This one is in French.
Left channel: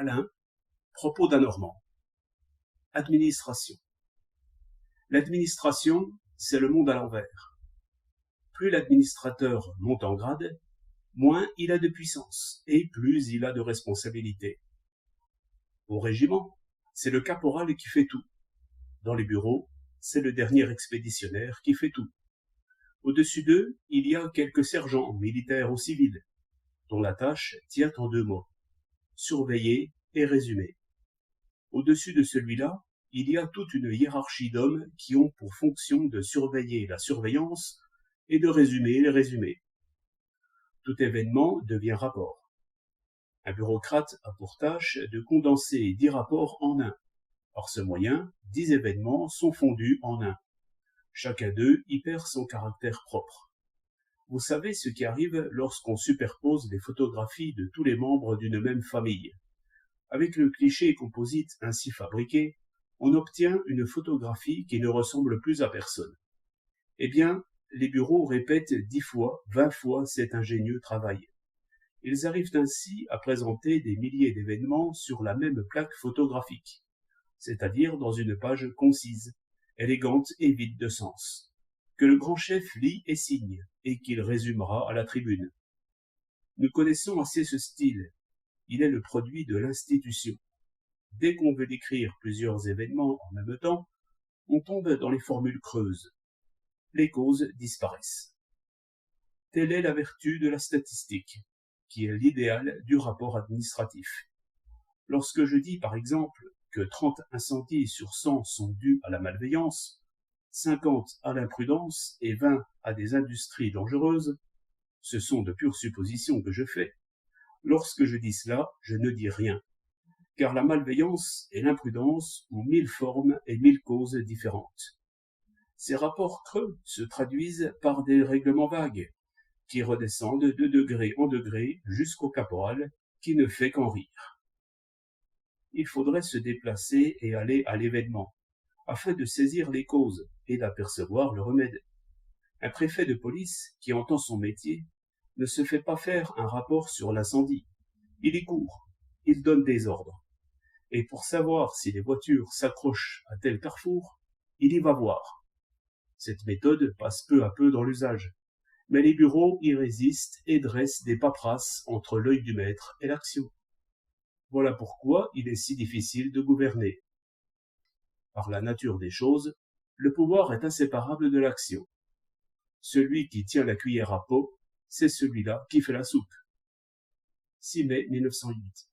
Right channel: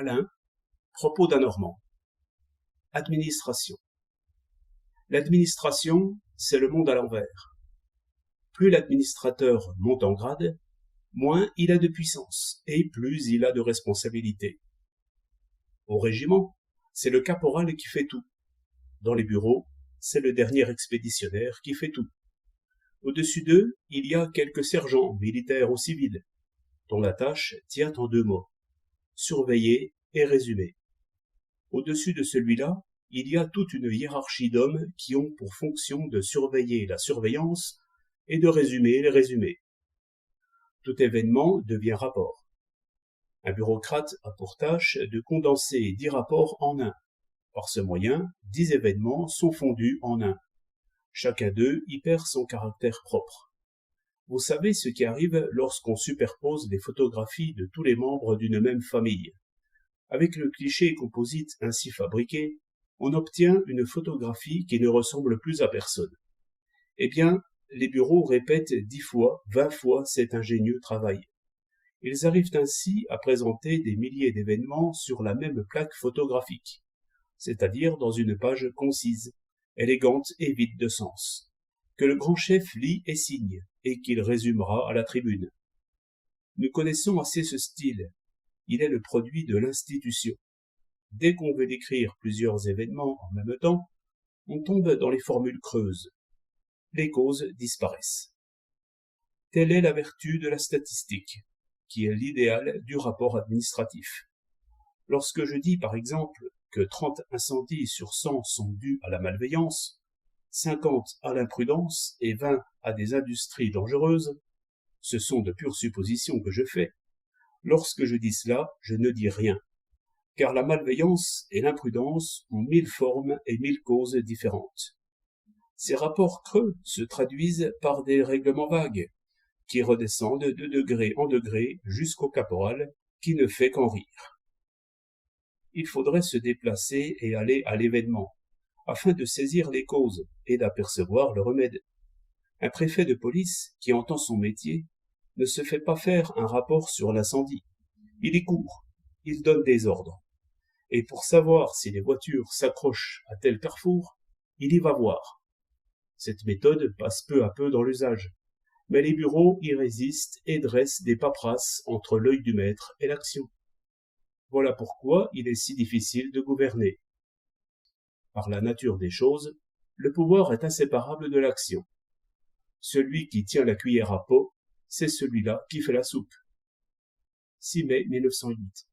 Alain, propos d'un Normand. Administration. L'administration, c'est le monde à l'envers. Plus l'administrateur monte en grade, moins il a de puissance et plus il a de responsabilité. Au régiment, c'est le caporal qui fait tout. Dans les bureaux, c'est le dernier expéditionnaire qui fait tout. Au-dessus d'eux, il y a quelques sergents, militaires ou civils, dont la tâche tient en 2 mots: surveiller et résumer. Au-dessus de celui-là, il y a toute une hiérarchie d'hommes qui ont pour fonction de surveiller la surveillance et de résumer les résumés. Tout événement devient rapport. Un bureaucrate a pour tâche de condenser 10 rapports en un. Par ce moyen, 10 événements sont fondus en un. Chacun d'eux y perd son caractère propre. Vous savez ce qui arrive lorsqu'on superpose les photographies de tous les membres d'une même famille. Avec le cliché composite ainsi fabriqué, on obtient une photographie qui ne ressemble plus à personne. Eh bien, les bureaux répètent 10 fois, 20 fois cet ingénieux travail. Ils arrivent ainsi à présenter des milliers d'événements sur la même plaque photographique, c'est-à-dire dans une page concise, élégante et vide de sens, que le grand chef lit et signe, et qu'il résumera à la tribune. Nous connaissons assez ce style. Il est le produit de l'institution. Dès qu'on veut décrire plusieurs événements en même temps, on tombe dans les formules creuses. Les causes disparaissent. Telle est la vertu de la statistique, qui est l'idéal du rapport administratif. Lorsque je dis par exemple que 30 incendies sur 100 sont dus à la malveillance, 50 à l'imprudence et 20 à des industries dangereuses, ce sont de pures suppositions que je fais. Lorsque je dis cela, je ne dis rien, car la malveillance et l'imprudence ont 1000 formes et 1000 causes différentes. Ces rapports creux se traduisent par des règlements vagues, qui redescendent de degré en degré jusqu'au caporal, qui ne fait qu'en rire. Il faudrait se déplacer et aller à l'événement, afin de saisir les causes et d'apercevoir le remède. Un préfet de police, qui entend son métier, ne se fait pas faire un rapport sur l'incendie. Il y court, il donne des ordres. Et pour savoir si les voitures s'accrochent à tel carrefour, il y va voir. Cette méthode passe peu à peu dans l'usage, mais les bureaux y résistent et dressent des paperasses entre l'œil du maître et l'action. Voilà pourquoi il est si difficile de gouverner. Par la nature des choses, le pouvoir est inséparable de l'action. Celui qui tient la cuillère à peau, c'est celui-là qui fait la soupe. 6 mai 1908.